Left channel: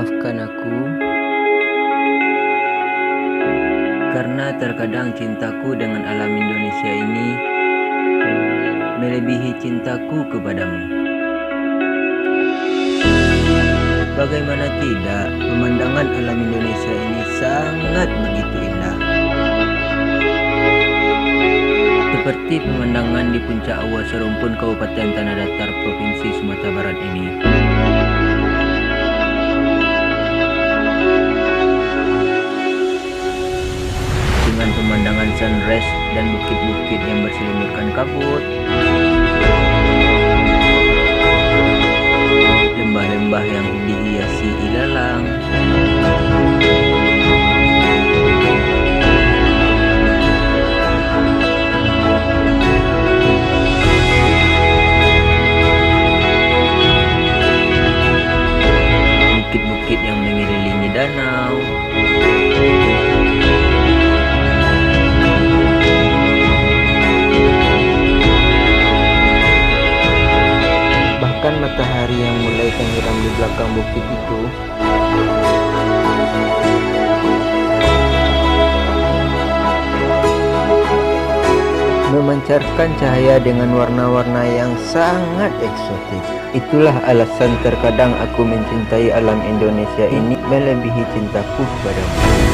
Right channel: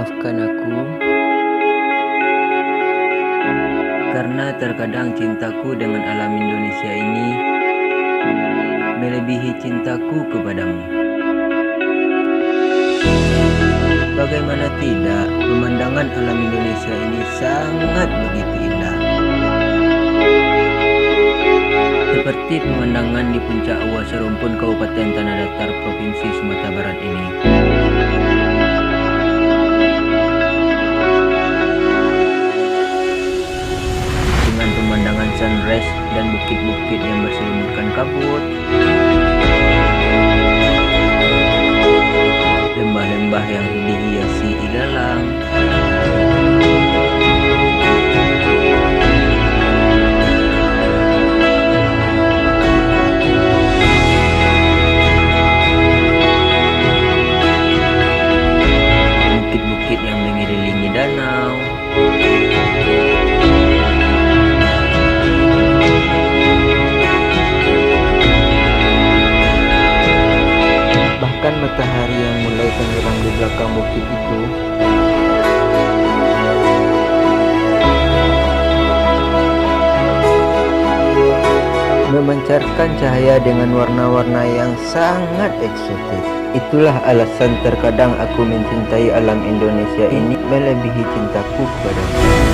Maafkan aku karena terkadang cintaku dengan alam Indonesia ini melebihi cintaku kepadamu. Bagaimana tidak, pemandangan alam Indonesia ini sangat begitu indah. Seperti pemandangan di puncak Awa Serumpun, Kabupaten Tanah Datar, Provinsi Sumatera Barat ini. Dengan pemandangan sunrise dan bukit-bukit yang berselimutkan kabut, lembah-lembah yang dihiasi ilalang, bukit-bukit yang mengelilingi danau, bahkan matahari yang mulai tenggelam di belakang bukit itu memancarkan cahaya dengan warna-warna yang sangat eksotis. Itulah alasan terkadang aku mencintai alam Indonesia ini melebihi cintaku kepadamu.